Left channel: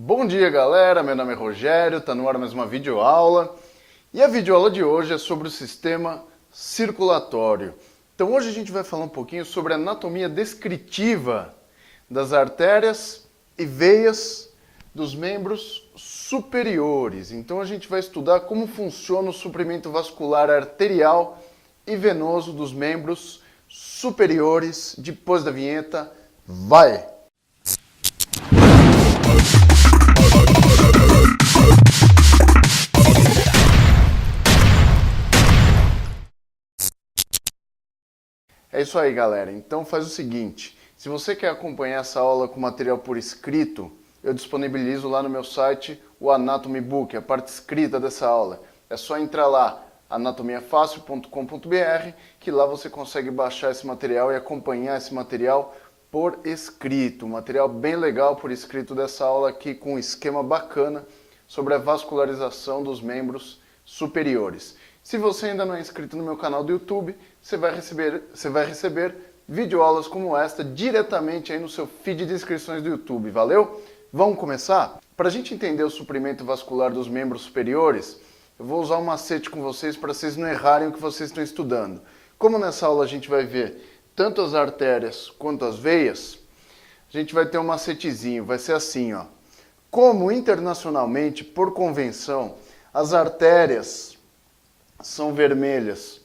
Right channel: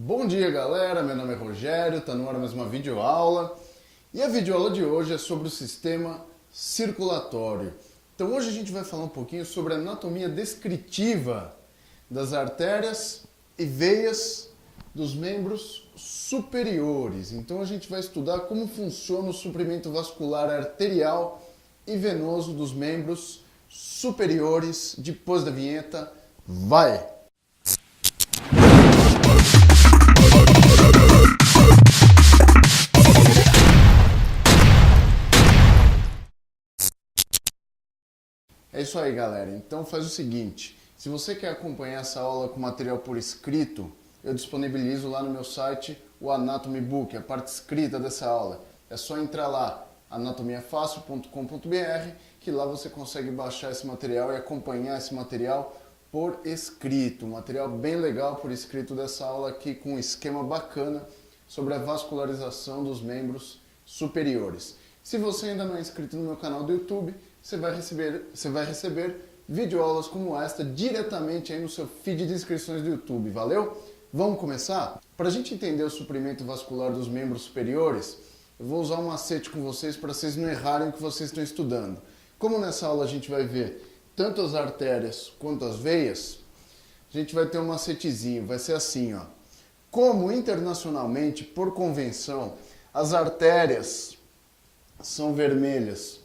Bom dia, galera, meu nome é Rogério, tá no ar mais uma videoaula e a videoaula de hoje é sobre o sistema circulatório. Então hoje a gente vai falar um pouquinho sobre a anatomia descritiva das artérias e veias dos membros superiores. Então a gente vai estudar como funciona o suprimento vascular arterial e venoso dos membros superiores. Depois da vinheta, vai! É isso aí, galera. Então faz o seguinte, se você quer acompanhar essa aula com material por escrito, eu disponibilizo lá no meu site o Anatomy Book, a parte escrita dessa aula. É só entrar lá, anatomiafacil.com.br, que lá você consegue baixar esse material e acompanhar esse material por escrito. Um material bem legal por escrito dessa aula aqui, com um esquema bacana sobre a vascularização dos membros superiores. Se você ainda não é inscrito no meu canal do YouTube, você vai receber videoaulas como esta diretamente aí no seu feed de inscrições do YouTube, valeu? Vamos começar? Para a gente entender o suprimento vascular dos membros superiores, eu vou usar um macete com vocês para vocês não errarem o que vocês estão estudando. Como nessa aula a gente vai ver tanto as artérias quanto as veias, a gente vai ter um macetezinho, vai ser assim, ó. Como internacionalmente, por convenção, as artérias são vermelhas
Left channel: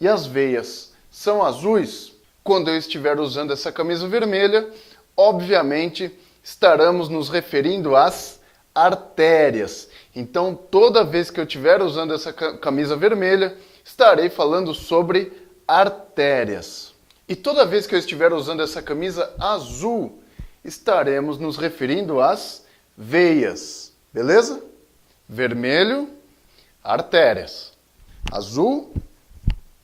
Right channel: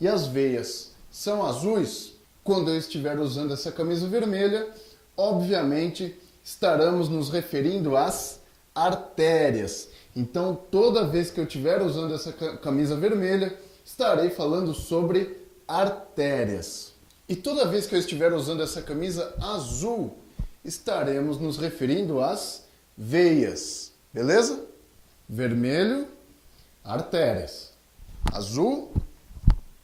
e as veias são azuis, quando eu estiver usando essa camisa vermelha, obviamente estaremos nos referindo às artérias. Então, toda vez que eu estiver usando essa camisa vermelha, estarei falando sobre artérias. E toda vez que eu estiver usando essa camisa azul, estaremos nos referindo às veias. Beleza? Vermelho, artérias. Azul,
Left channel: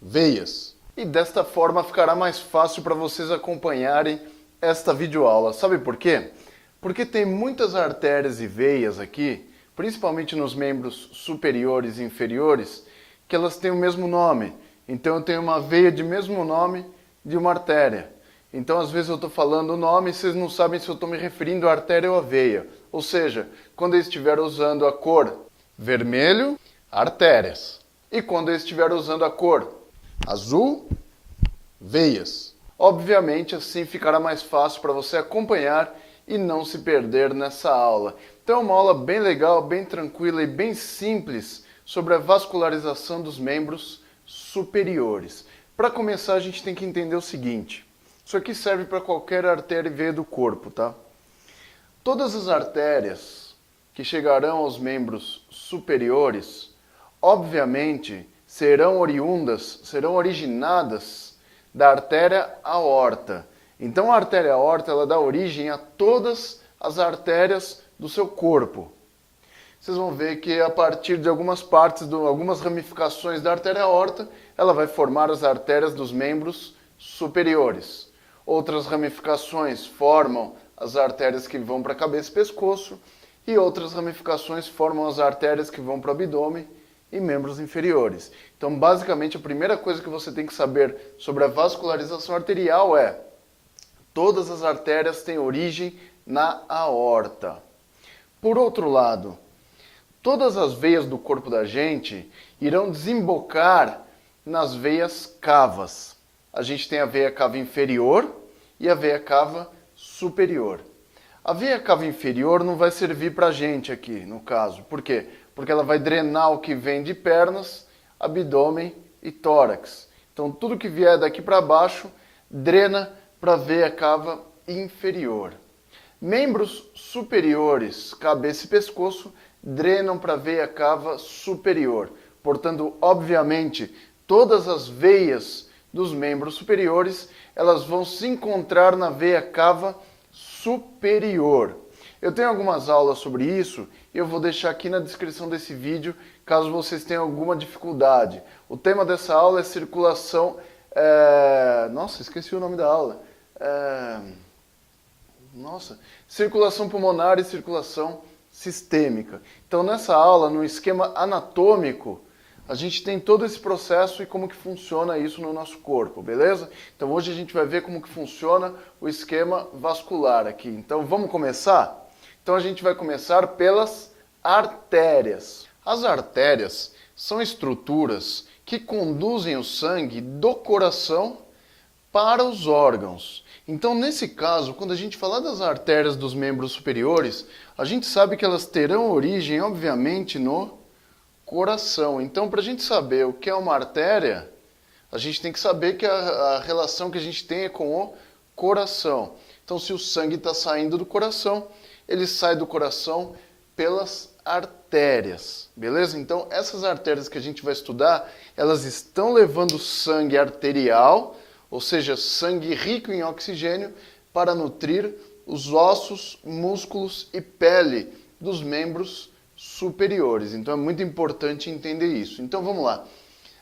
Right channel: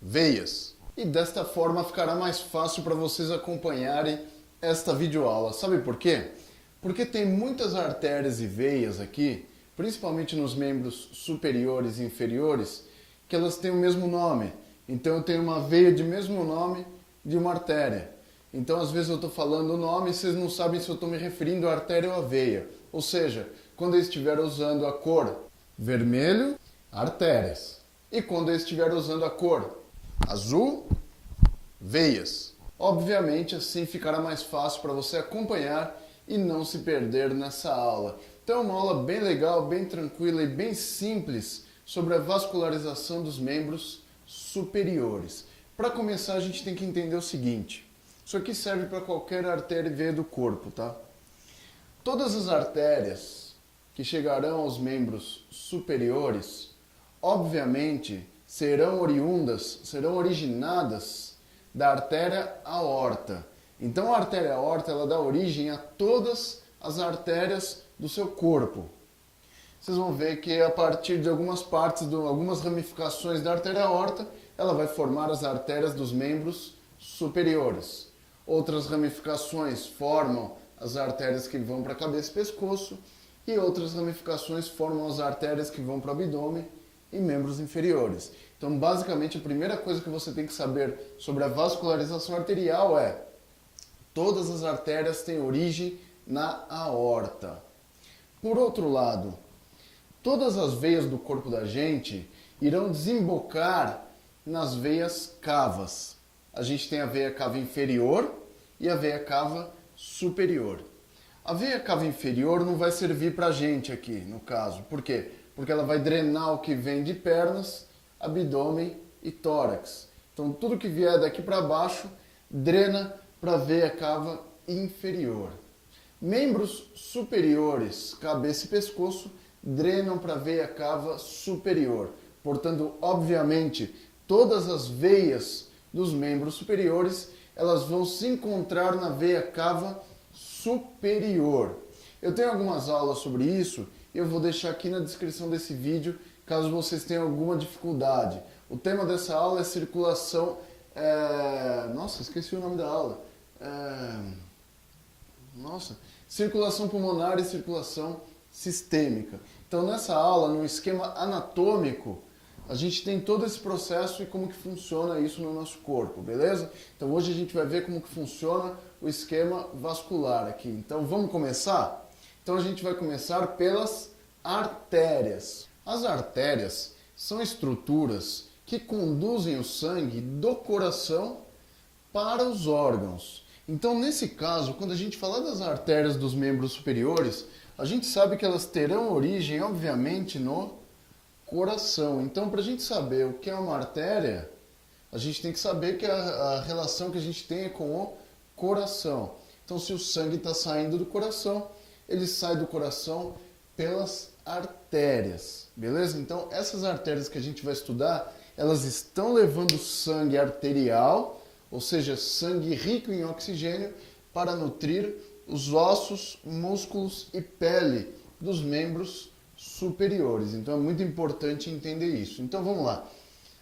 veias. E desta forma ficará mais fácil para vocês acompanharem esta videoaula. Sabe por quê? Porque tem muitas artérias e veias aqui, principalmente nos membros superiores e inferiores, que elas têm o mesmo nome. Então eu tenho uma veia de mesmo nome de uma artéria. Então às vezes eu estou falando o nome e vocês não sabem se eu estou me referindo à artéria ou à veia. Ou seja, quando eu estiver usando a cor vermelho, artérias. E quando eu estiver usando a cor azul, veias. Obviamente, assim ficará mais fácil para você acompanhar e não se perder nessa aula. Então é uma aula bem legal, bem tranquila e bem simples sobre a vascularização dos membros superiores. Para começar, a gente tem que entender o seguinte. Isso aqui serve para qualquer artéria e veia do corpo, tá? Todas as artérias que chegarão aos membros superiores, obviamente, serão originadas da artéria aorta. Então, a artéria aorta ela dá origem a todas as artérias do seu corpo. Vocês vão ver que a partir de algumas partes, algumas ramificações da artéria aorta, ela vai formar as artérias dos membros superiores. Outras ramificações formam as artérias que vão para a cabeça e pescoço, e outras ramificações formam as artérias que vão para o abdômen e membros inferiores. Então, basicamente, a primeira coisa que você tem que saber sobre a vascularização arterial é: todas as artérias têm origem na aorta. Por outro lado, todas as veias do corpo da gente irão desembocar nas veias cavas. A gente tem a veia cava inferior e a veia cava superior. A veia cava inferior não vai servir para a gente aqui, no caso. Por quê? Porque ela vai drenar o que vem de pernas, abdômen e tórax. Então, tudo que vier daqui para baixo, drena para a veia cava inferior. Membros superiores, cabeça e pescoço, drenam para a veia cava superior. Portanto, obviamente, todas as veias dos membros superiores, elas vão se encontrar na veia cava superior. Eu tenho algumas aulas sobre isso e eu vou deixar aqui na descrição desse vídeo, caso vocês tenham alguma dificuldade. O tema dessa aula é circulação... Nossa, esqueci o nome da aula. Circulação pulmonar e circulação sistêmica. Então, nessa aula, no esquema anatômico, a gente tem todo esse processo e como que funciona isso no nosso corpo, beleza? Então, hoje a gente vai ver como que funciona o esquema vascular aqui. Então, vamos começar? Então a gente vai começar pelas artérias. As artérias são estruturas que conduzem o sangue do coração para os órgãos. Então, nesse caso, quando a gente falar das artérias dos membros superiores, a gente sabe que elas terão origem, obviamente, no coração. Então, para a gente saber o que é uma artéria, a gente tem que saber que a relação que a gente tem é com o coração. Então, se o sangue está saindo do coração, ele sai do coração pelas artérias, beleza? Então, essas artérias que a gente vai estudar, elas estão levando sangue arterial, ou seja, sangue rico em oxigênio, para nutrir os ossos, músculos e pele dos membros superiores. Então, é muito importante entender isso. Então, vamos lá.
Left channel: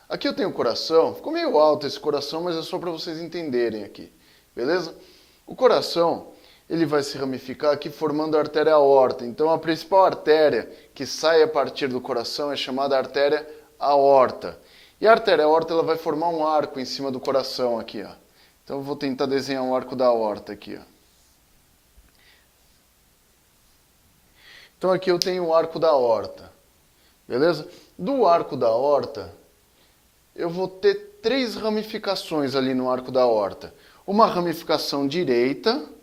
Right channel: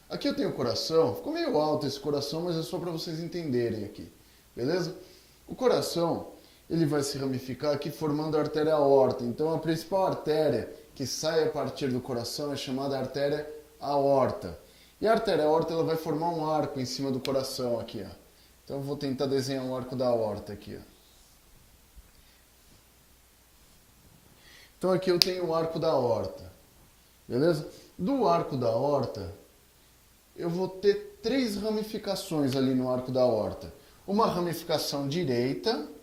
Aqui eu tenho o coração, ficou meio alto esse coração, mas é só para vocês entenderem aqui, beleza? O coração, ele vai se ramificar aqui formando a artéria aorta. Então, a principal artéria que sai a partir do coração é chamada artéria aorta. E a artéria aorta ela vai formar um arco em cima do coração aqui, ó. Então, eu vou tentar desenhar um arco da aorta aqui, ó. Então, aqui eu tenho o arco da aorta, beleza? Do arco da aorta, eu vou ter 3 ramificações ali no arco da aorta. Uma ramificação direita,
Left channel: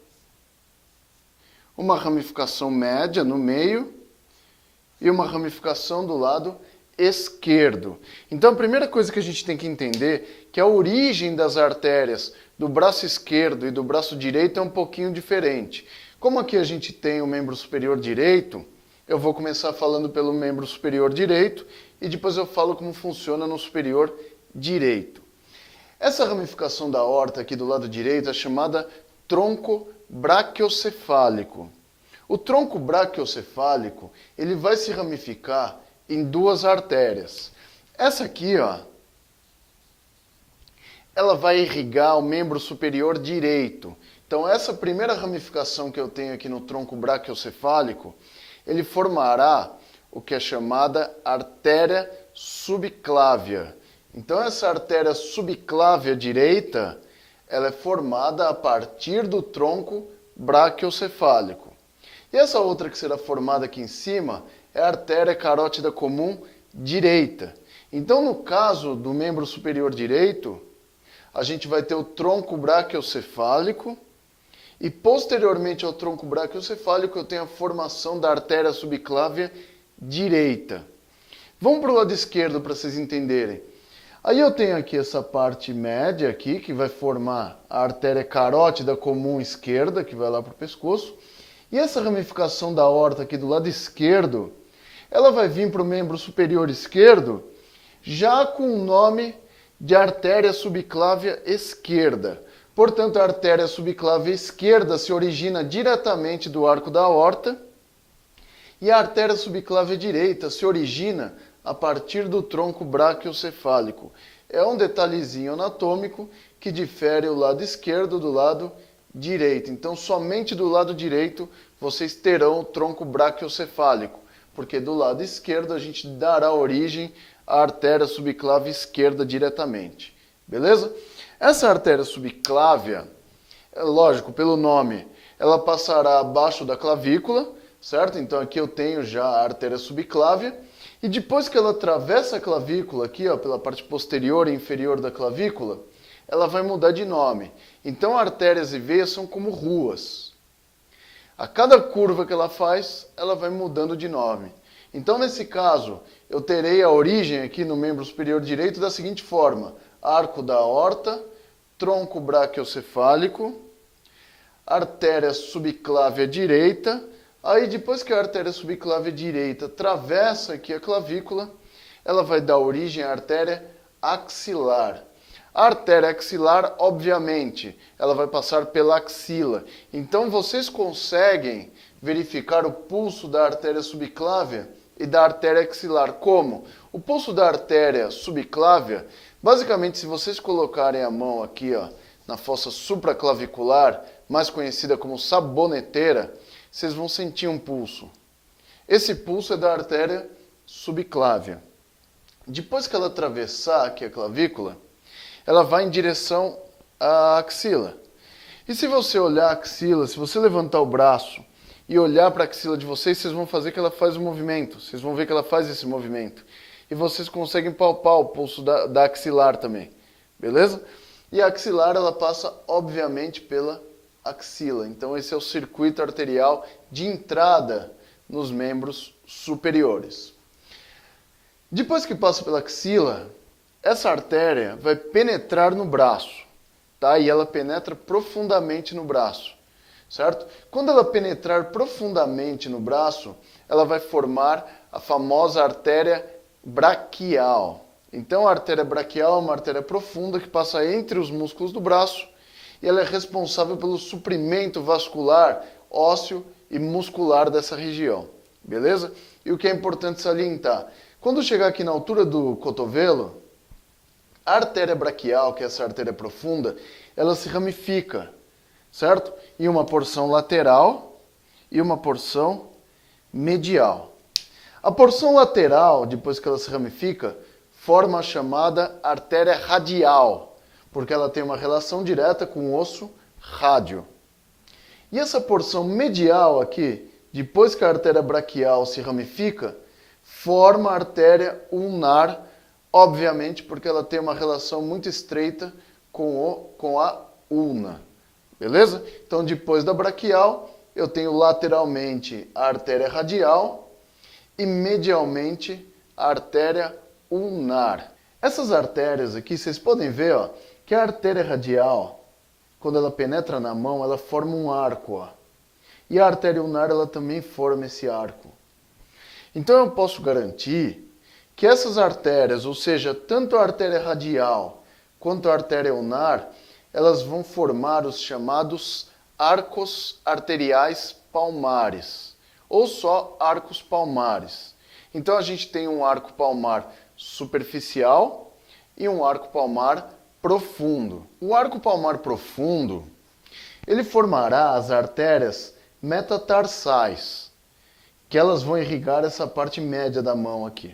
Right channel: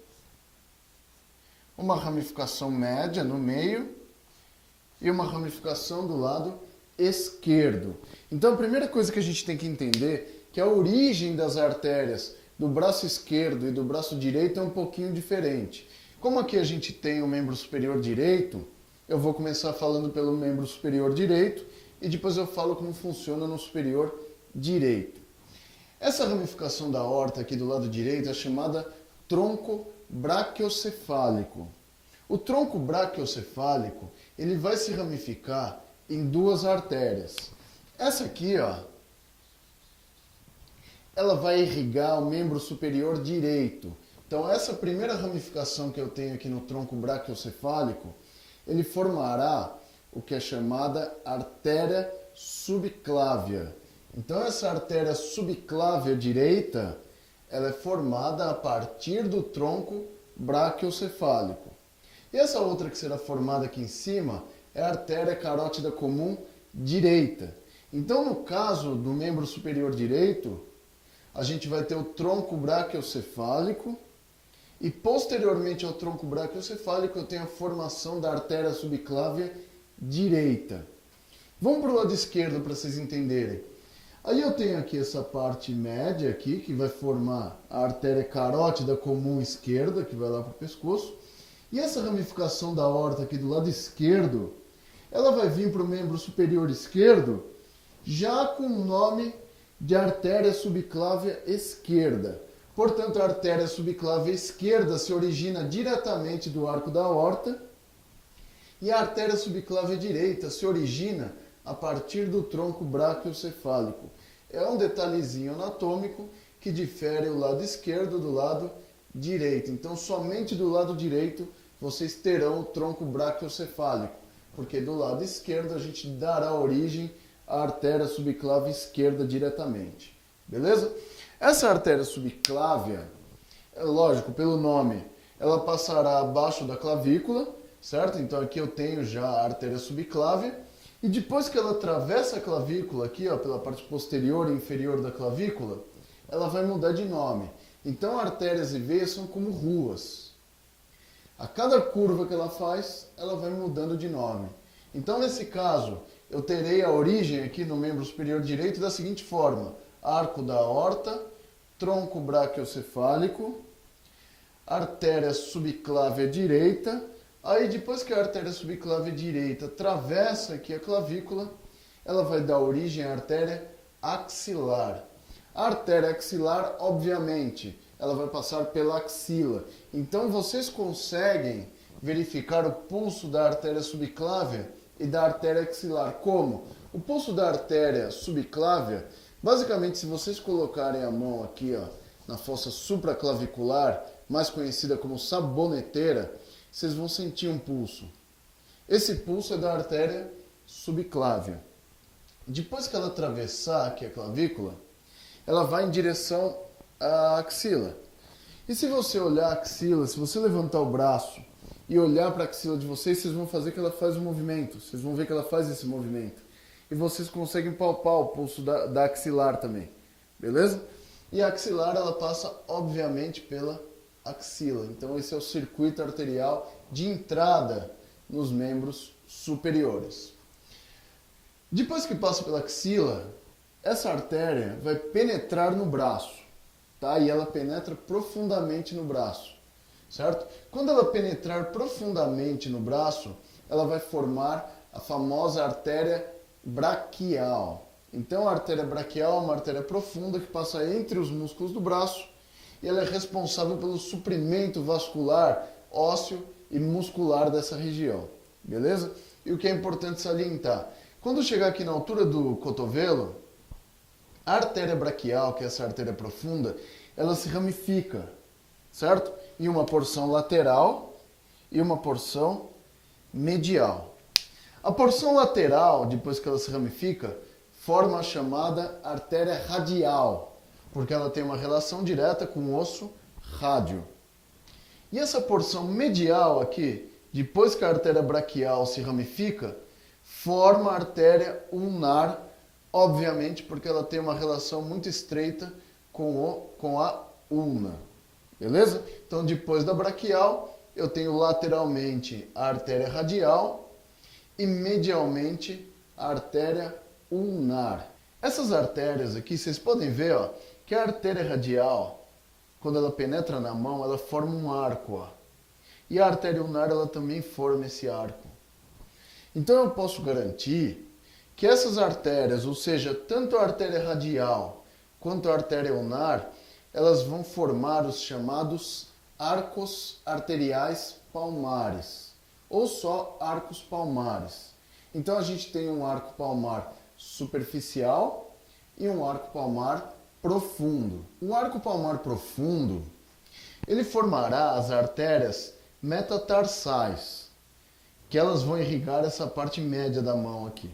uma ramificação média no meio e uma ramificação do lado esquerdo. Então, a primeira coisa que a gente tem que entender é que a origem das artérias do braço esquerdo e do braço direito é um pouquinho diferente. Como aqui a gente tem o membro superior direito, eu vou começar falando pelo membro superior direito e depois eu falo como funciona no superior direito. Essa ramificação da aorta aqui do lado direito é chamada tronco braquiocefálico. O tronco braquiocefálico, ele vai se ramificar em 2 artérias. Essa aqui, ó, ela vai irrigar o membro superior direito. Então, essa primeira ramificação que eu tenho aqui no tronco braquiocefálico, ele formará o que é chamada artéria subclávia. Então, essa artéria subclávia direita, ela é formada a partir do tronco braquiocefálico. E essa outra que será formada aqui em cima é a artéria carótida comum direita. Então, no caso do membro superior direito, a gente vai ter o tronco braquiocefálico e, posteriormente ao tronco braquiocefálico, eu tenho a formação da artéria subclávia direita. Vamos para o lado esquerdo para vocês entenderem. Aí eu tenho aqui essa parte média aqui, que vai formar a artéria carótida comum esquerda, que vai lá para o pescoço. E essa ramificação da aorta aqui do lado esquerdo, ela vai vir para o membro superior esquerdo, já com o nome de artéria subclávia esquerda. Portanto, a artéria subclávia esquerda se origina diretamente do arco da aorta e a artéria subclávia direita se origina a partir do tronco braquiocefálico. É um detalhezinho anatômico que difere o lado esquerdo do lado direito. Então, somente do lado direito vocês terão o tronco braquiocefálico, porque do lado esquerdo a gente dará origem à artéria subclávia esquerda diretamente. Beleza? Essa artéria subclávia, lógico, pelo nome, ela passará abaixo da clavícula, certo? Então aqui eu tenho já a artéria subclávia. E depois que ela atravessa a clavícula aqui, ó, pela parte posterior e inferior da clavícula, ela vai mudar de nome. Então, artérias e veias são como ruas. A cada curva que ela faz, ela vai mudando de nome. Então, nesse caso, eu terei a origem aqui no membro superior direito da seguinte forma: arco da aorta, tronco braquiocefálico, artéria subclávia direita. Aí, depois que a artéria subclávia direita atravessa aqui a clavícula, ela vai dar origem à artéria axilar. A artéria axilar, obviamente, ela vai passar pela axila. Então, vocês conseguem verificar o pulso da artéria subclávia e da artéria axilar. Como? O pulso da artéria subclávia, basicamente, se vocês colocarem a mão aqui, ó, na fossa supraclavicular, mais conhecida como saboneteira, vocês vão sentir um pulso. Esse pulso é da artéria subclávia. Depois que ela atravessar aqui a clavícula, ela vai em direção à axila. E se você olhar a axila, se você levantar o braço e olhar para a axila de vocês, vocês vão fazer que ela faz o movimento. Vocês vão ver que ela faz esse movimento. E vocês conseguem palpar o pulso da axilar também. Beleza? E a axilar, ela passa, obviamente, pela axila. Então, esse é o circuito arterial de entrada nos membros superiores. Depois que passa pela axila, essa artéria vai penetrar no braço, tá? E ela penetra profundamente no braço, certo? Quando ela penetrar profundamente no braço, ela vai formar a famosa artéria braquial. Então, a artéria braquial é uma artéria profunda que passa entre os músculos do braço e ela é responsável pelo suprimento vascular, ósseo e muscular dessa região, beleza? E o que é importante salientar, quando chegar aqui na altura do cotovelo, a artéria braquial, que é essa artéria profunda, ela se ramifica, certo? Em uma porção lateral e uma porção medial. A porção lateral, depois que ela se ramifica, forma a chamada artéria radial, porque ela tem uma relação direta com o osso rádio. E essa porção medial aqui, depois que a artéria braquial se ramifica, forma a artéria ulnar, obviamente porque ela tem uma relação muito estreita com a ulna. Beleza? Então, depois da braquial, eu tenho lateralmente a artéria radial e medialmente a artéria ulnar. Essas artérias aqui, vocês podem ver, ó, que a artéria radial, quando ela penetra na mão, ela forma um arco, ó. E a artéria ulnar, ela também forma esse arco. Então eu posso garantir que essas artérias, ou seja, tanto a artéria radial quanto a artéria ulnar, elas vão formar os chamados arcos arteriais palmares, ou só arcos palmares. Então a gente tem um arco palmar superficial e um arco palmar profundo. O arco palmar profundo, ele formará as artérias metatarsais, que elas vão irrigar essa parte média da mão aqui.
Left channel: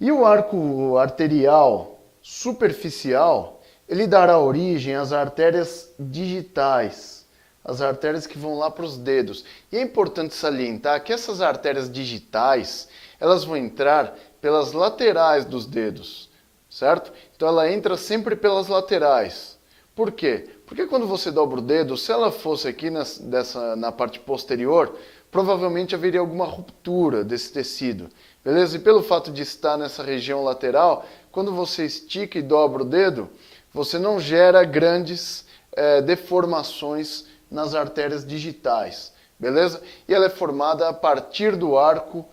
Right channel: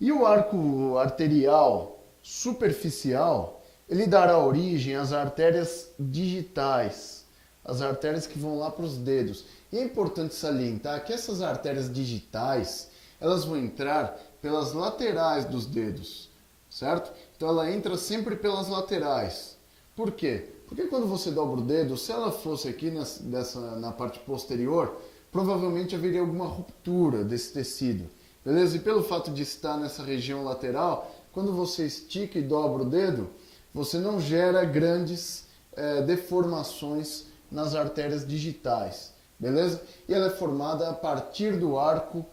E o arco arterial superficial, ele dará origem às artérias digitais, as artérias que vão lá para os dedos. E é importante salientar que essas artérias digitais, elas vão entrar pelas laterais dos dedos, certo? Então ela entra sempre pelas laterais. Por quê? Porque quando você dobra o dedo, se ela fosse aqui na parte posterior, provavelmente haveria alguma ruptura desse tecido, beleza? E pelo fato de estar nessa região lateral, quando você estica e dobra o dedo, você não gera grandes deformações nas artérias digitais, beleza? E ela é formada a partir do arco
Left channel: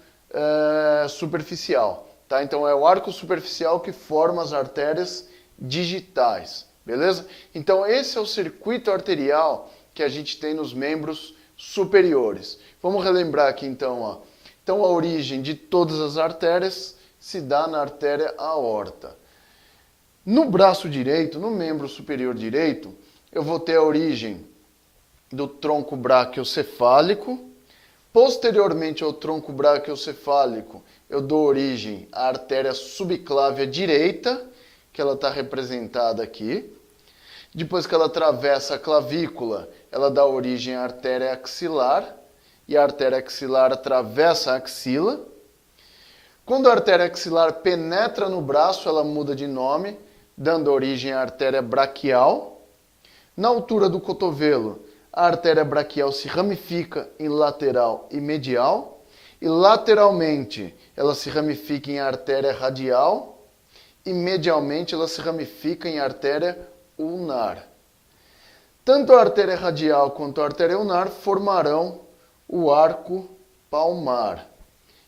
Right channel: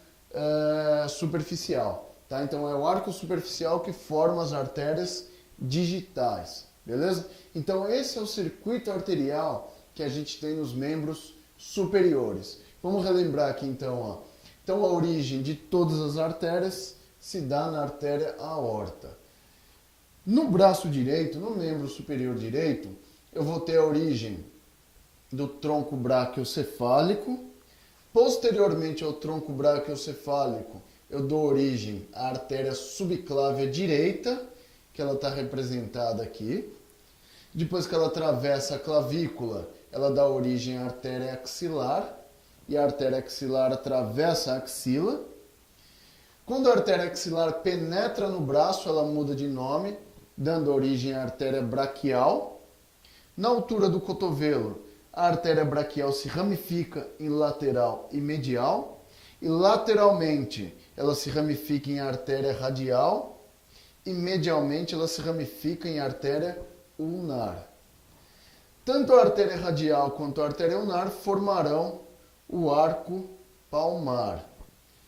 superficial, tá? Então é o arco superficial que forma as artérias digitais, beleza? Então esse é o circuito arterial que a gente tem nos membros superiores. Vamos relembrar aqui então, ó. Então a origem de todas as artérias se dá na artéria aorta. No braço direito, no membro superior direito, eu vou ter a origem do tronco braquiocefálico. Posteriormente ao tronco braquiocefálico, eu dou origem à artéria subclávia direita, que ela está representada aqui. Depois que ela atravessa a clavícula, ela dá origem à artéria axilar, e a artéria axilar atravessa a axila. Quando a artéria axilar penetra no braço, ela muda de nome, dando origem à artéria braquial. Na altura do cotovelo, a artéria braquial se ramifica em lateral e medial, e lateralmente ela se ramifica em artéria radial, e medialmente ela se ramifica em artéria ulnar. Tanto a artéria radial quanto a artéria ulnar formarão o arco palmar.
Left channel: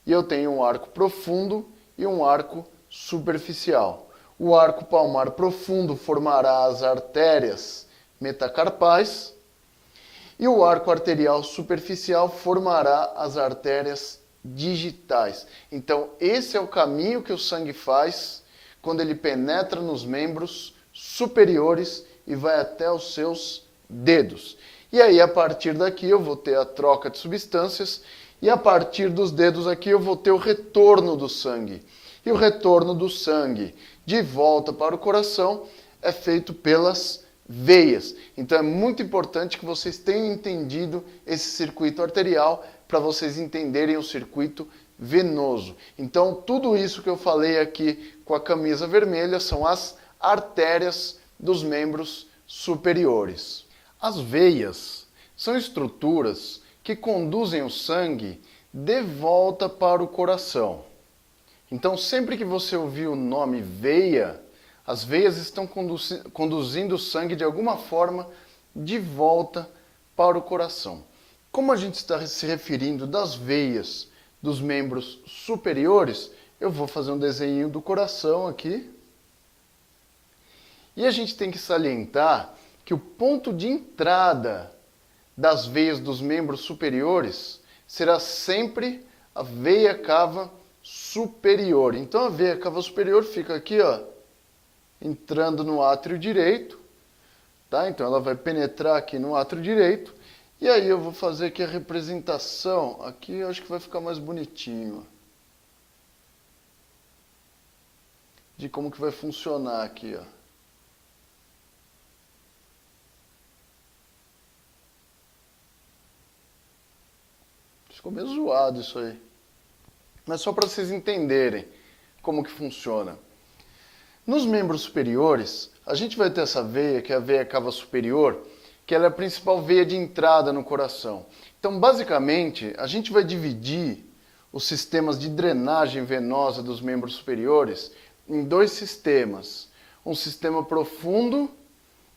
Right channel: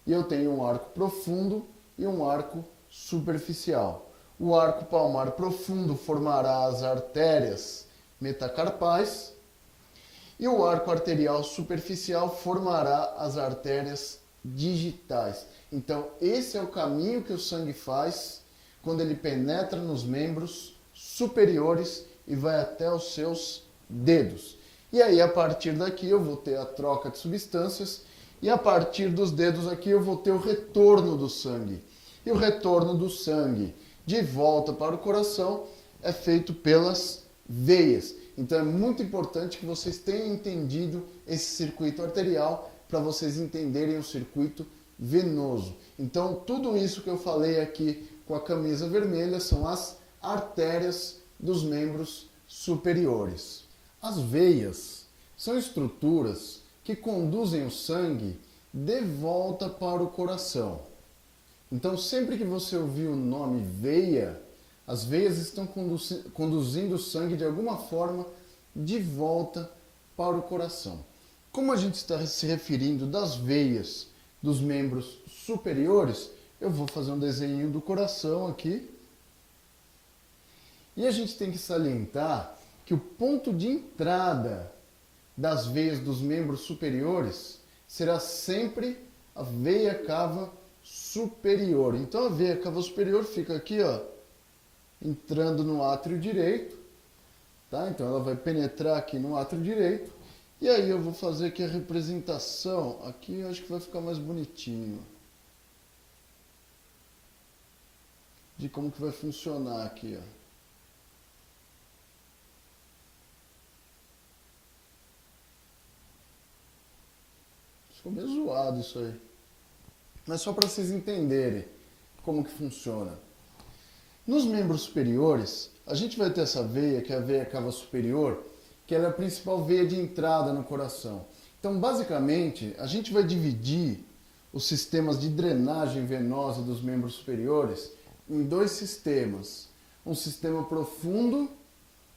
E eu tenho um arco profundo e um arco superficial. O arco palmar profundo formará as artérias metacarpais e o arco arterial superficial formará as artérias digitais. Então, esse é o caminho que o sangue faz quando ele penetra nos membros superiores e vai até os seus dedos. E aí, a partir daqui, eu vou ter a troca de substâncias e a partir dos dedos aqui eu vou ter o retorno do sangue. E o retorno do sangue de volta para o coração é feito pelas veias. Então é muito importante que vocês tenham entendido esse circuito arterial para vocês entenderem o circuito venoso. Então tudo isso que eu falei aqui com a camisa vermelha são as artérias dos membros superiores. As veias são estruturas que conduzem o sangue de volta para o coração. Então sempre que você ouvir o nome veia, as veias estão conduzindo o sangue de alguma forma de volta para o coração. Como a gente está se referindo das veias dos membros superiores, eu vou fazer um desenho do coração aqui. E a gente tem que salientar que o ponto de entrada das veias dos membros superiores será sempre a veia cava superior. Então a veia cava superior fica aqui, ó, entrando no átrio direito, tá? Então ela vai penetrar aqui no átrio direito. E aí eu vou fazer aqui a representação, aqui eu acho que vai ficar mais bonitinho, de como que vai funcionar aqui, ó. Ficou meio zoado isso aí. Mas só para vocês entenderem como que funciona. Nos membros superiores, a gente vai ter essa veia, que é a veia cava superior, que ela é a principal veia de entrada no coração. Então, basicamente, a gente vai dividir os sistemas de drenagem venosa dos membros superiores em dois sistemas. Um sistema profundo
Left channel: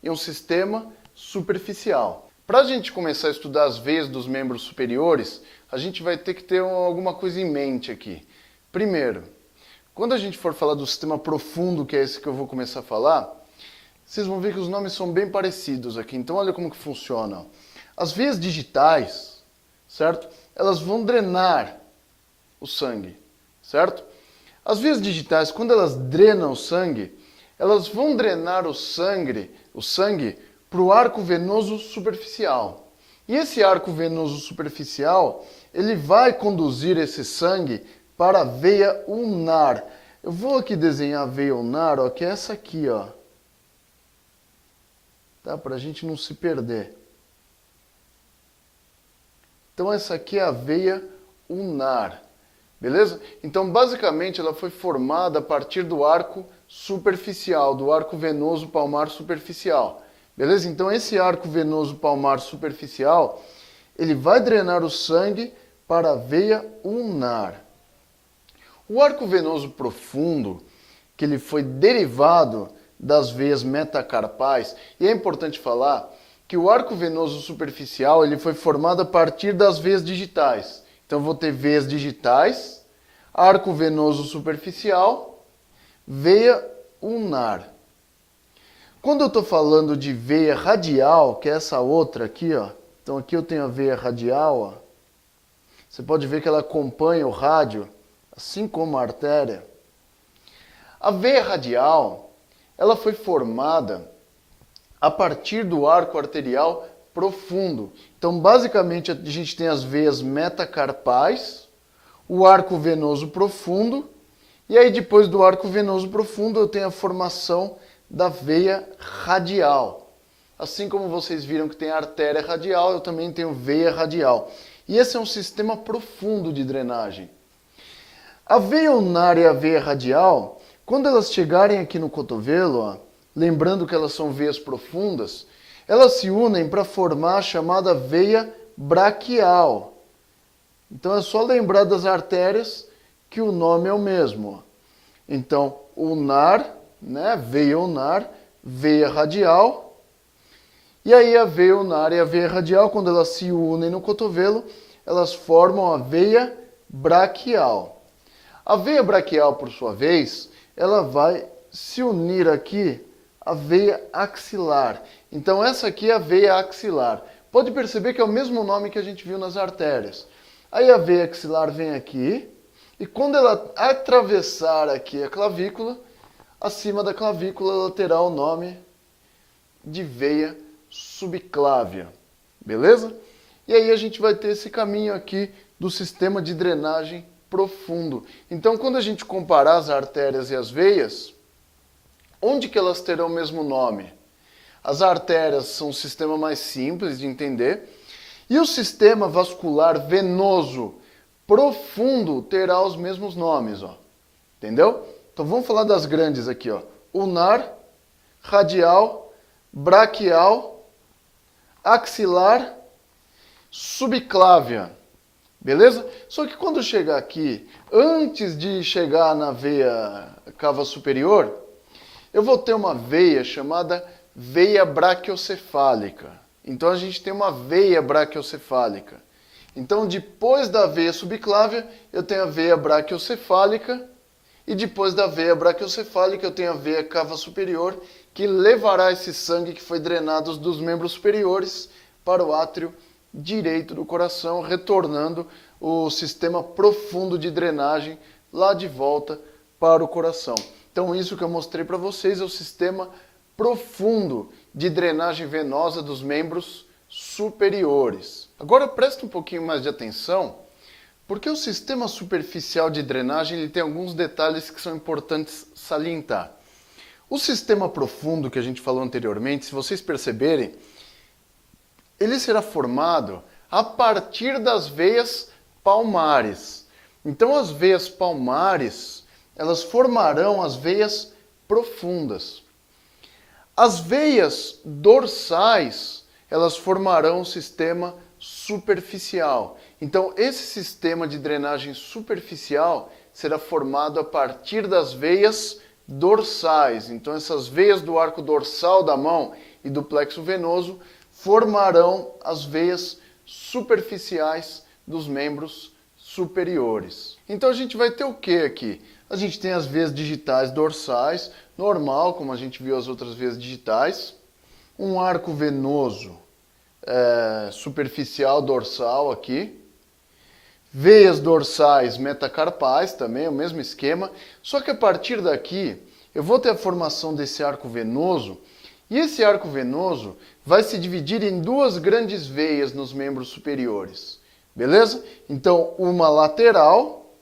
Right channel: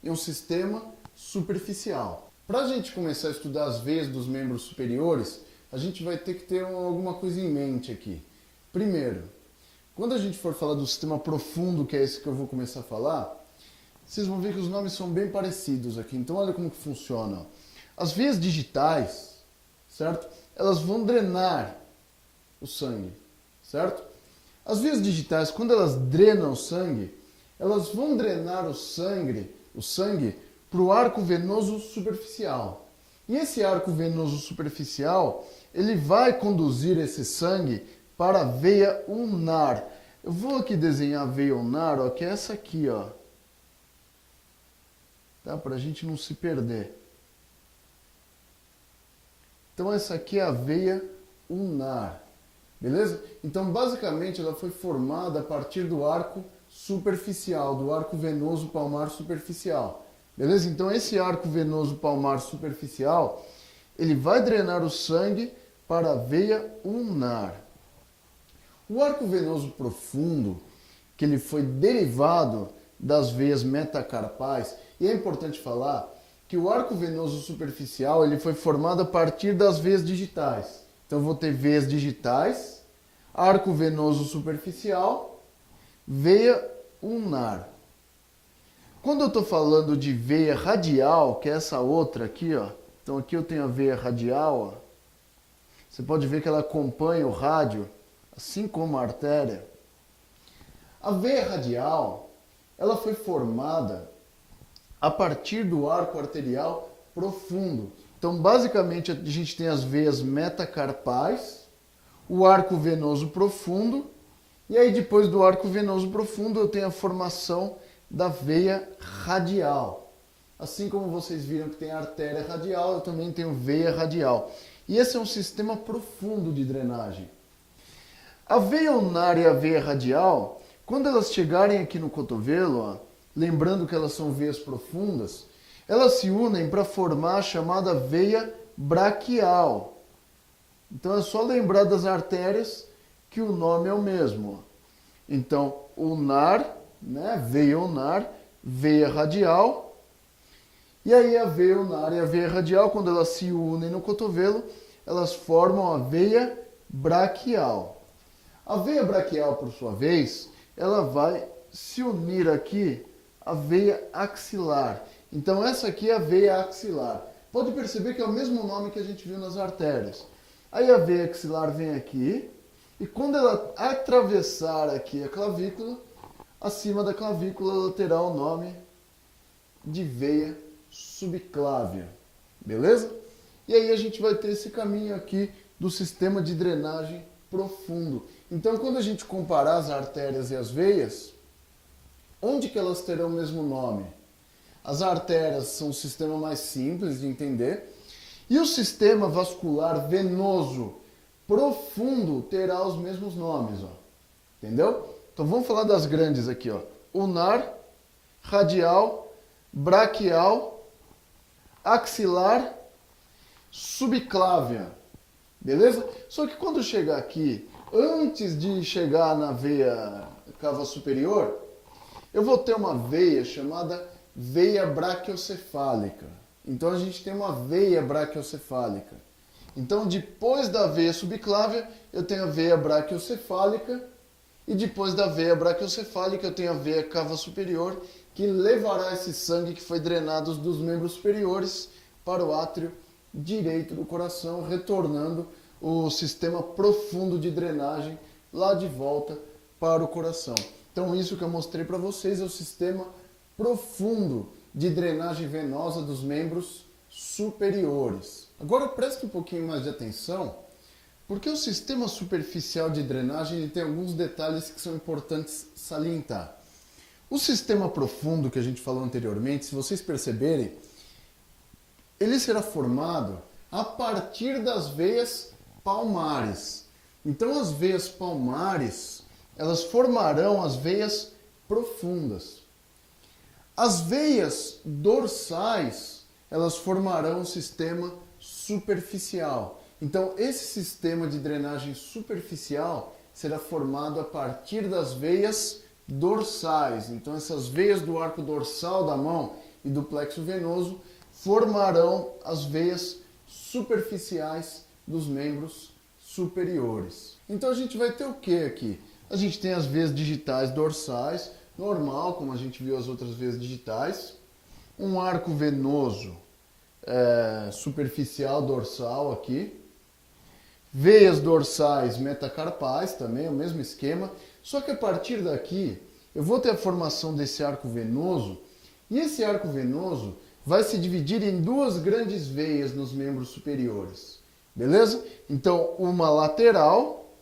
e um sistema superficial. Para a gente começar a estudar as veias dos membros superiores, a gente vai ter que ter alguma coisa em mente aqui. Primeiro, quando a gente for falar do sistema profundo, que é esse que eu vou começar a falar, vocês vão ver que os nomes são bem parecidos aqui. Então olha como que funciona. As veias digitais, certo? Elas vão drenar o sangue, certo? As veias digitais, quando elas drenam o sangue, elas vão drenar o sangue para o arco venoso superficial. E esse arco venoso superficial, ele vai conduzir esse sangue para a veia ulnar. Eu vou aqui desenhar a veia ulnar, ó, que é essa aqui, ó. Tá? Para a gente não se perder. Então essa aqui é a veia ulnar. Beleza? Então basicamente ela foi formada a partir do arco superficial, do arco venoso palmar superficial. Beleza? Então esse arco venoso palmar superficial, ele vai drenar o sangue para a veia ulnar. O arco venoso profundo, que ele foi derivado das veias metacarpais, e é importante falar que o arco venoso superficial, ele foi formado a partir das veias digitais. Então eu vou ter veias digitais, arco venoso superficial, veia ulnar. Quando eu estou falando de veia radial, que é essa outra aqui, ó. Então aqui eu tenho a veia radial, ó. Você pode ver que ela acompanha o rádio, assim como a artéria. A veia radial, ela foi formada a partir do arco arterial profundo. Então basicamente a gente tem as veias metacarpais, o arco venoso profundo, e aí depois do arco venoso profundo eu tenho a formação da veia radial. Assim como vocês viram que tem a artéria radial, eu também tenho veia radial. E esse é um sistema profundo de drenagem. A veia ulnar e a veia radial, quando elas chegarem aqui no cotovelo, ó, lembrando que elas são veias profundas, elas se unem para formar a chamada veia braquial. Então é só lembrar das artérias que o nome é o mesmo. Então, ulnar, né? Veia ulnar, veia radial. E aí a veia ulnar e a veia radial, quando elas se unem no cotovelo, elas formam a veia braquial. A veia braquial, por sua vez, ela vai se unir aqui à veia axilar. Então essa aqui é a veia axilar. Pode perceber que é o mesmo nome que a gente viu nas artérias. Aí a veia axilar vem aqui, e quando ela atravessar aqui a clavícula, acima da clavícula ela terá o nome de veia subclávia. Beleza? E aí a gente vai ter esse caminho aqui do sistema de drenagem profundo. Então, quando a gente comparar as artérias e as veias, onde que elas terão o mesmo nome? As artérias são um sistema mais simples de entender. E o sistema vascular venoso profundo terá os mesmos nomes, ó. Entendeu? Então vamos falar das grandes aqui, ó. Ulnar, radial, braquial, axilar, subclávia. Beleza? Só que quando chegar aqui, antes de chegar na veia cava superior, eu vou ter uma veia chamada veia braquiocefálica. Então a gente tem uma veia braquiocefálica. Então depois da veia subclávia, eu tenho a veia braquiocefálica. E depois da veia braquiocefálica, eu tenho a veia cava superior, que levará esse sangue que foi drenado dos membros superiores para o átrio direito do coração, retornando o sistema profundo de drenagem lá de volta para o coração. Então isso que eu mostrei para vocês é o sistema profundo de drenagem venosa dos membros superiores. Agora presta um pouquinho mais de atenção, porque o sistema superficial de drenagem ele tem alguns detalhes que são importantes salientar. O sistema profundo que a gente falou anteriormente, se vocês perceberem, ele será formado a partir das veias palmares. Então as veias palmares, elas formarão as veias profundas. As veias dorsais, elas formarão o sistema superficial. Então esse sistema de drenagem superficial será formado a partir das veias dorsais. Então essas veias do arco dorsal da mão e do plexo venoso formarão as veias superficiais dos membros superiores. Então a gente vai ter o que aqui? A gente tem as veias digitais dorsais, normal, como a gente viu as outras veias digitais. Um arco venoso superficial dorsal aqui. Veias dorsais metacarpais também, o mesmo esquema. Só que a partir daqui eu vou ter a formação desse arco venoso. E esse arco venoso vai se dividir em duas grandes veias nos membros superiores. Beleza? Então, uma lateral,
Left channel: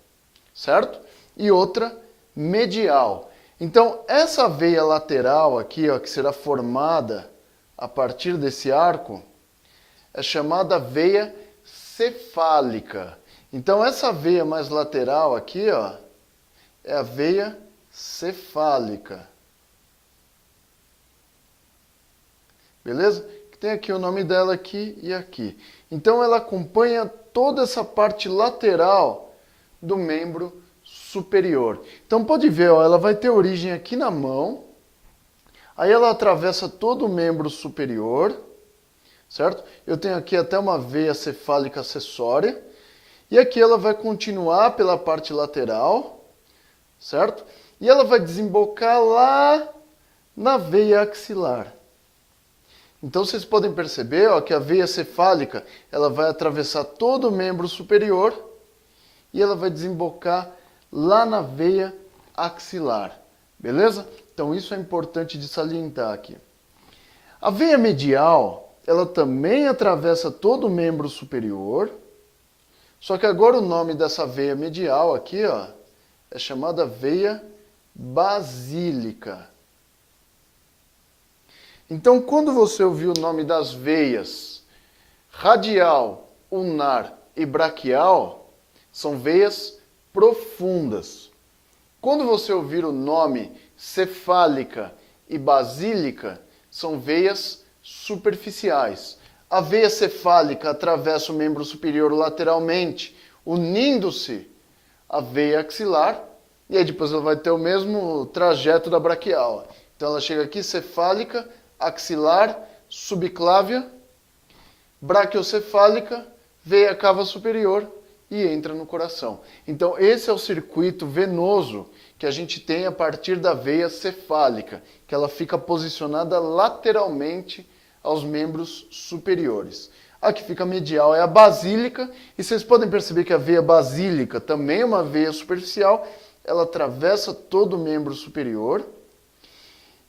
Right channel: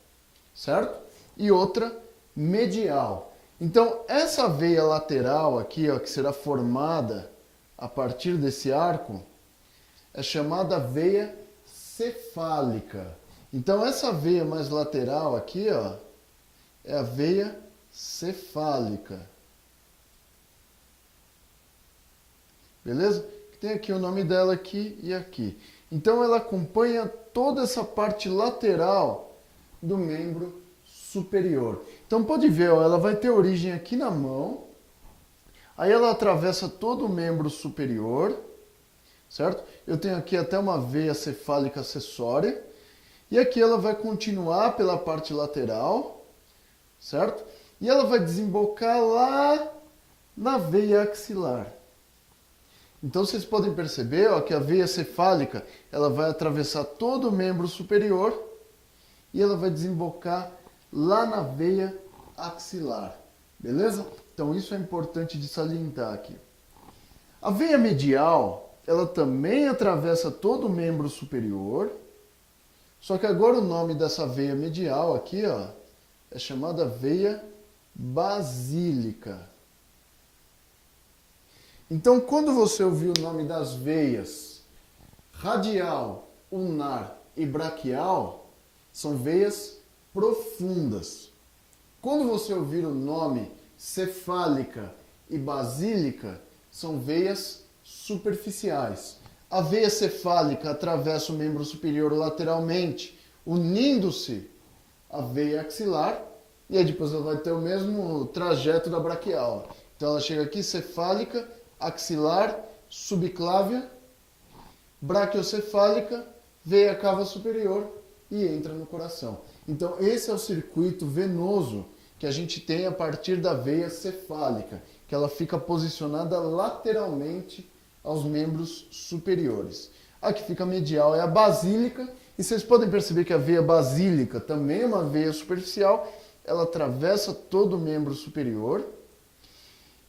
certo? E outra medial. Então, essa veia lateral aqui, ó, que será formada a partir desse arco, é chamada veia cefálica. Então, essa veia mais lateral aqui, ó, é a veia cefálica. Beleza? Tem aqui o nome dela aqui e aqui. Então ela acompanha toda essa parte lateral do membro superior. Então pode ver, ó, ela vai ter origem aqui na mão. Aí ela atravessa todo o membro superior, certo? Eu tenho aqui até uma veia cefálica acessória. E aqui ela vai continuar pela parte lateral, certo? E ela vai desembocar lá na veia axilar. Então vocês podem perceber, ó, que a veia cefálica ela vai atravessar todo o membro superior e ela vai desembocar lá na veia axilar. Beleza? Então isso é importante de salientar aqui. A veia medial, ela também atravessa todo o membro superior, só que agora o nome dessa veia medial aqui, ó, é chamada veia basílica. Então, quando você ouvir o nome das veias radial, ulnar e braquial, são veias profundas. Quando você ouvir o nome cefálica e basílica, são veias superficiais. A veia cefálica atravessa o membro superior lateralmente, unindo-se à veia axilar, e aí depois ela vai ter o mesmo trajeto da braquial. Então ela chega aqui, cefálica, axilar, subclávia, braquiocefálica, veia cava superior e entra no coração. Então esse é o circuito venoso que a gente tem a partir da veia cefálica, que ela fica posicionada lateralmente aos membros superiores. A que fica medial é a basílica, e vocês podem perceber que a veia basílica também é uma veia superficial, ela atravessa todo o membro superior,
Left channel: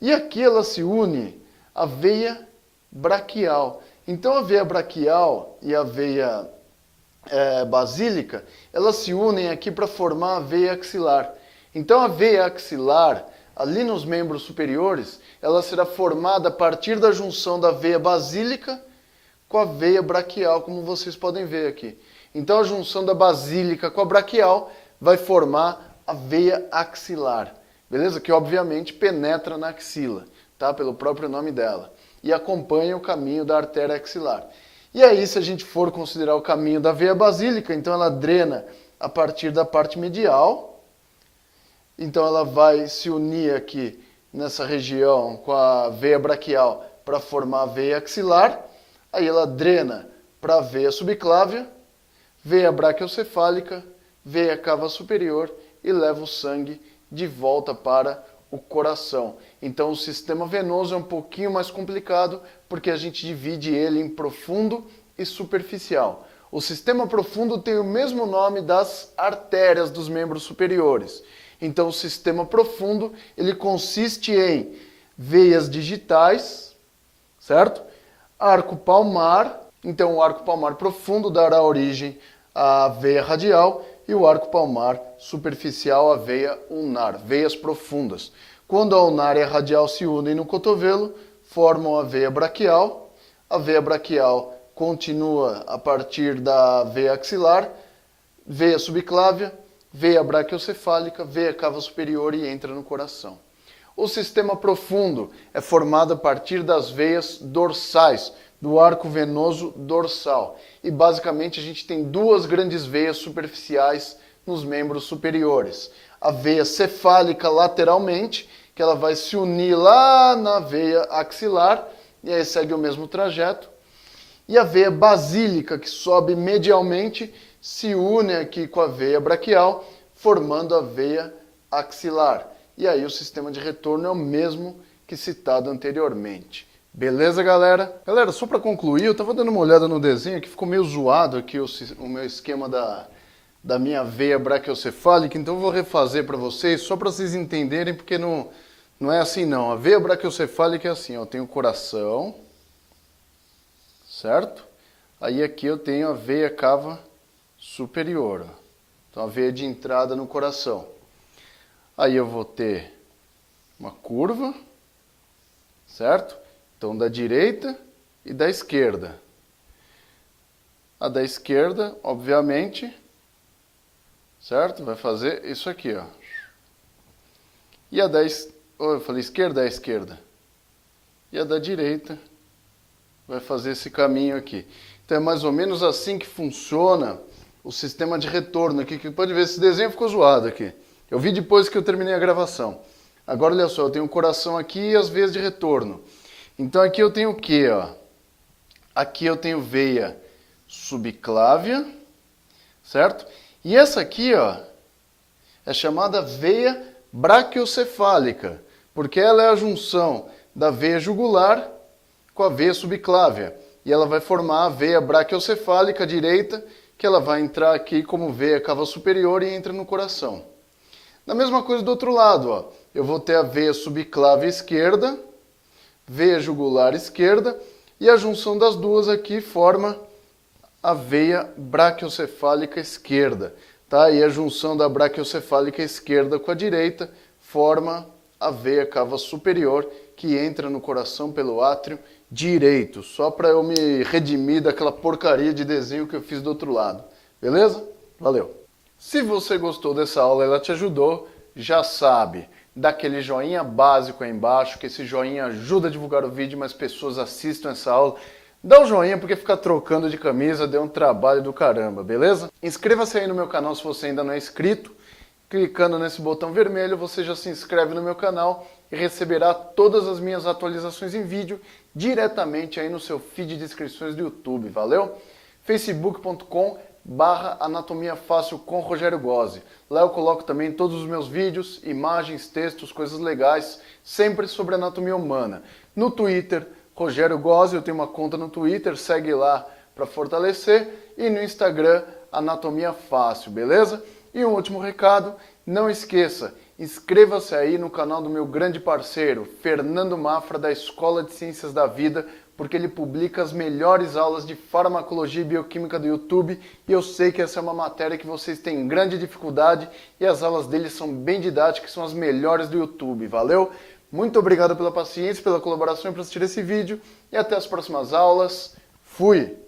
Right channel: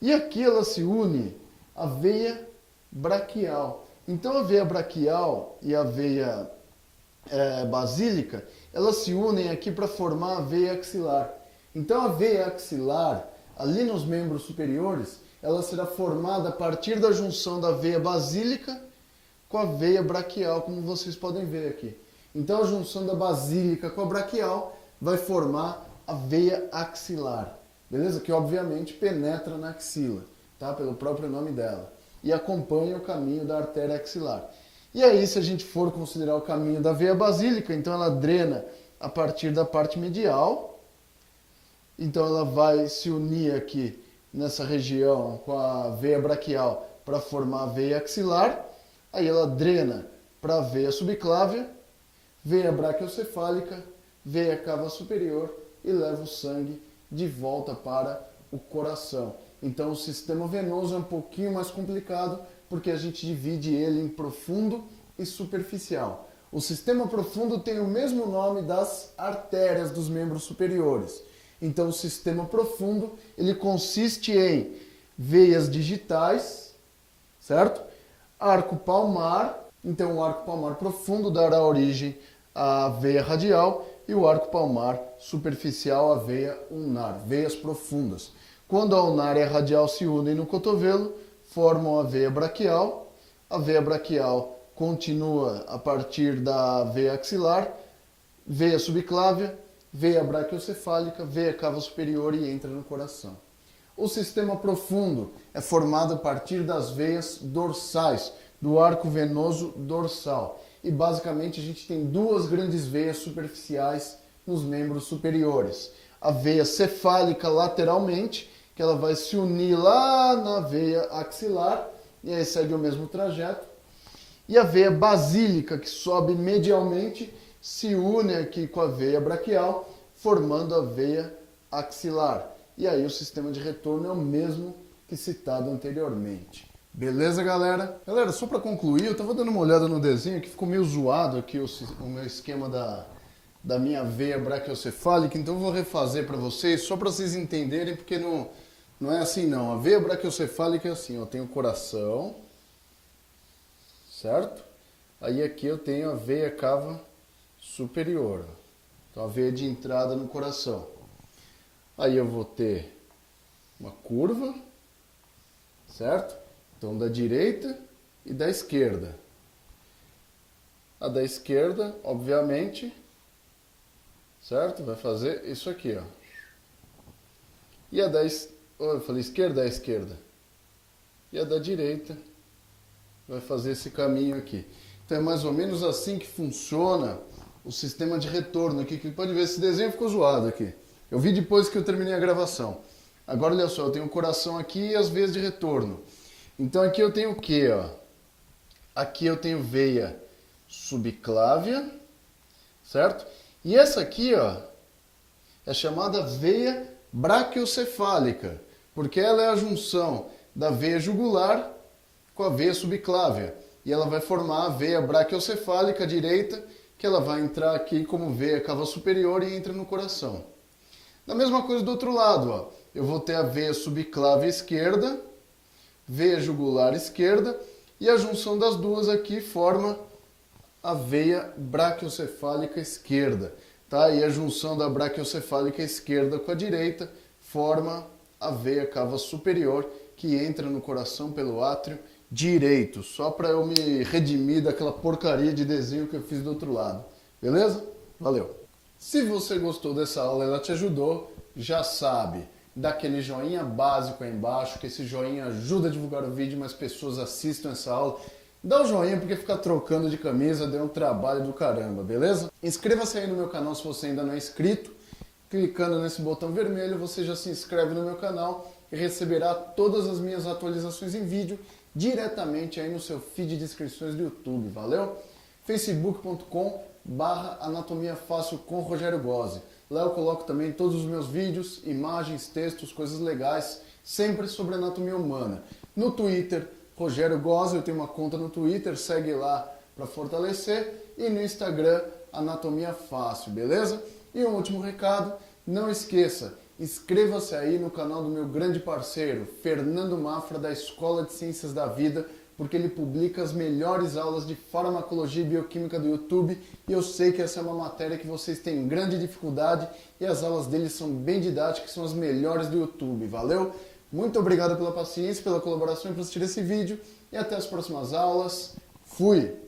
e aqui ela se une à veia braquial. Então a veia braquial e a veia basílica, elas se unem aqui para formar a veia axilar. Então a veia axilar ali nos membros superiores, ela será formada a partir da junção da veia basílica com a veia braquial, como vocês podem ver aqui. Então a junção da basílica com a braquial vai formar a veia axilar, beleza? Que obviamente penetra na axila, tá? Pelo próprio nome dela. E acompanha o caminho da artéria axilar. E aí, se a gente for considerar o caminho da veia basílica, então ela drena a partir da parte medial. Então ela vai se unir aqui nessa região com a veia braquial para formar a veia axilar. Aí ela drena para a veia subclávia, veia braquiocefálica, veia cava superior e leva o sangue de volta para o coração. Então o sistema venoso é um pouquinho mais complicado porque a gente divide ele em profundo e superficial. O sistema profundo tem o mesmo nome das artérias dos membros superiores. Então o sistema profundo ele consiste em veias digitais, certo? Arco palmar, então o arco palmar profundo dará origem à veia radial e o arco palmar superficial à veia ulnar, veias profundas. Quando a ulnar e a radial se unem no cotovelo, formam a veia braquial continua a partir da veia axilar, veia subclávia, veia braquiocefálica, veia cava superior e entra no coração. O sistema profundo é formado a partir das veias dorsais, do arco venoso dorsal. E basicamente a gente tem duas grandes veias superficiais nos membros superiores. A veia cefálica lateralmente, que ela vai se unir lá na veia axilar, e aí segue o mesmo trajeto. E a veia basílica, que sobe medialmente, se une aqui com a veia braquial, formando a veia axilar. E aí o sistema de retorno é o mesmo que citado anteriormente. Beleza, galera? Galera, só para concluir, eu estava dando uma olhada no desenho que ficou meio zoado aqui o meu esquema da minha veia braquiocefálica, então eu vou refazer para vocês, só para vocês entenderem, porque não é assim não. A veia braquiocefálica é assim, ó, tem o coração, certo? Aí aqui eu tenho a veia cava superior, ó. Então a veia de entrada no coração. Aí eu vou ter uma curva, certo? Então da direita e da esquerda. A da esquerda, obviamente, certo? Vai fazer isso aqui, ó. E a da eu falei esquerda, é a esquerda. E a da direita vai fazer esse caminho aqui. Então é mais ou menos assim que funciona o sistema de retorno aqui, que pode ver, esse desenho ficou zoado aqui. Eu vi depois que eu terminei a gravação. Agora, olha só, eu tenho o coração aqui e as veias de retorno. Então aqui eu tenho o quê, ó? Aqui eu tenho veia subclávia, certo? E essa aqui, ó, é chamada veia braquiocefálica, porque ela é a junção da veia jugular com a veia subclávia. E ela vai formar a veia braquiocefálica direita, que ela vai entrar aqui como veia cava superior e entra no coração. Da mesma coisa do outro lado, ó. Eu vou ter a veia subclávia esquerda, veia jugular esquerda, e a junção das duas aqui forma a veia braquiocefálica esquerda, tá? E a junção da braquiocefálica esquerda com a direita forma a veia cava superior, que entra no coração pelo átrio direito, só para eu me redimir daquela porcaria de desenho que eu fiz do outro lado. Beleza? Valeu! Se você gostou dessa aula, ela te ajudou, já sabe, dá aquele joinha básico aí embaixo, que esse joinha ajuda a divulgar o vídeo, mais pessoas assistam essa aula. Dá o joinha, porque ficar trocando de camisa deu um trabalho do caramba, beleza? Inscreva-se aí no meu canal se você ainda não é inscrito. Clicando nesse botão vermelho, você já se inscreve no meu canal e receberá todas as minhas atualizações em vídeo diretamente aí no seu feed de inscrições do YouTube, valeu? facebook.com/Anatomia Fácil com Rogério Gozzi. Lá eu coloco também todos os meus vídeos, imagens, textos, coisas legais, sempre sobre anatomia humana. No Twitter, Rogério Gozzi, eu tenho uma conta no Twitter, segue lá para fortalecer. E no Instagram, Anatomia Fácil, beleza? E um último recado, não esqueça, inscreva-se aí no canal do meu grande parceiro, Fernando Mafra, da Escola de Ciências da Vida, porque ele publica as melhores aulas de farmacologia e bioquímica do YouTube e eu sei que essa é uma matéria que vocês têm grande dificuldade e as aulas dele são bem didáticas, são as melhores do YouTube, valeu? Muito obrigado pela paciência, pela colaboração para assistir esse vídeo e até as próximas aulas. Fui!